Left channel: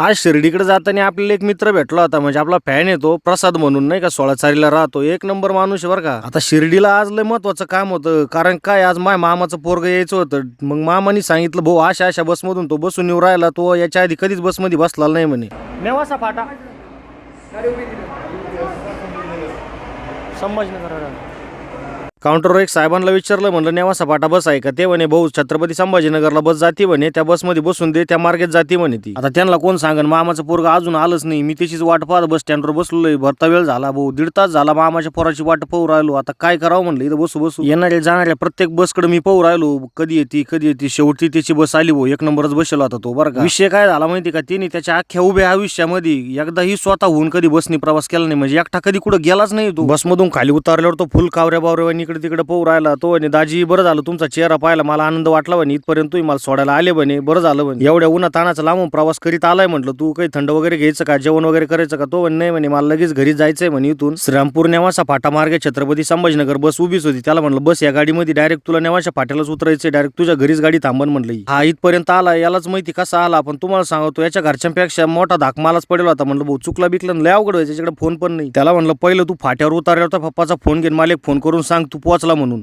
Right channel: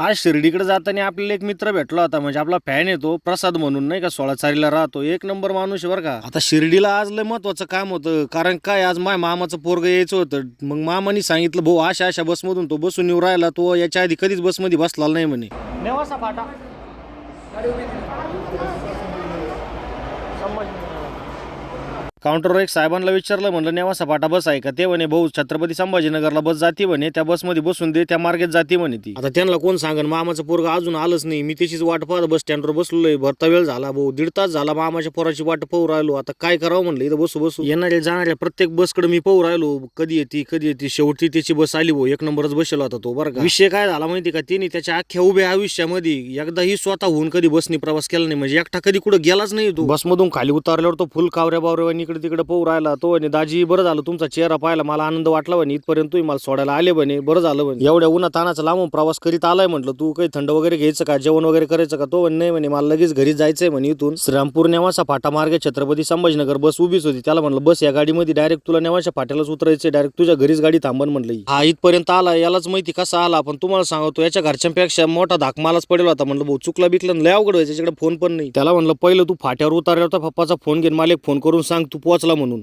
आज शिर्डीकडे जाताना आपल्याला एक मित्र भेटला होता, म्हणजे आपला फॅन आहे तो प्रसाद म्हणून, नाही का, 16 राहतो, एक नंबर माणूस आहे बरं का. आता शिर्डीला आज लय महत्वाचं काम होतं, कारण काय आज माझ्या मामाचं पोरग यायचं होतं. मग मामानी सांगितलं भाऊ अशा अशा बसमधून तो बसून येऊ राहिला, तो याच्या आधी कधीच बसमध्ये बसला नाही म्हणे. नेवासा फाटा संभाजीनगर काउंटरवर एक साहेबांना विचारलं, म्हणलं नेवासा फाटा बस आहे का? ते म्हणे भाऊ छत्रपती संभाजीनगरला बस जाते म्हणे, त्या बसमध्ये बसून दे, त्या मार्गेत जाते म्हणे ती. आता त्यांना कोण सांगन, मामाचं पोरग अजून आलंच नाही. मी त्याचीच वाट पाहत बस स्टँडवर बसलोय. भरता वेळ झाला भाऊ, 1.5 तास झाला मामाच्या पोराची वाट पाहू राहिलो. आता काय करावं म्हणलं, इथं बसू बसू येणाऱ्या जाणाऱ्या प्रत्येक बसकडे मी पाहू राहिलो, कधी येते. शेवटी त्याची बस आली भाऊ, एक नंबरच बसला होता तो बरं का. विषय काय झाला माहिती का, तिने त्याच्या अख्ख्या उभ्या आयुष्यामध्ये एकदाही स्वतःहून कधी बसनी प्रवास केला नाही, म्हणजे एकटा कधी कुठं गेलाच नाही. तो बसमधून खाली उतरल्यावर तो फुल कावऱ्या बावऱ्या इकडे तिकडे पाहू राहिला. तो म्हणे दाजी बरं झालं तुमचा चेहरा पाहिला, मला आनंद वाटला म्हणे, इथपर्यंत तुम्ही मला सोडायला आले म्हणे, बरं झालं म्हणे. एवढ्या उन्हा तानाचा लांबून प्रवास करीत आलाय म्हटलं, तू काही थंड वगैरे घ्यायचं का, जेवण वगैरे करायचं का? तो नाही म्हणे, मला लगेच घरी जायचंय म्हणे. इथून श्रीरामपूर नेवासा फाटा मार्गे छत्रपती संभाजीनगर बस उभीच होती. त्याला म्हणलं बस या गाडीमध्ये डायरेक्ट तुला नेवासा फाट्यालाच उतरायचं, डायरेक्ट तुझ्या घरीच गाडी थांबन म्हणलं. हा इथपर्यंत आला, यालाच माहिती कसा आला. पण तुम्हाला सांगतो याच्या घरच्यांपेक्षा मोठा धाक मलाच पडेल होता. म्हणलं भाऊ चुकला बिकलं लय अवघड व्हायचं, त्याच्याकडे फोन पण नाही. त्याला म्हणलं पहिलं तू फाट्यावर उतरल्यावर पप्पाचा फोन घेऊन मला एक फोन करून सांग तू पोहोचला म्हणून.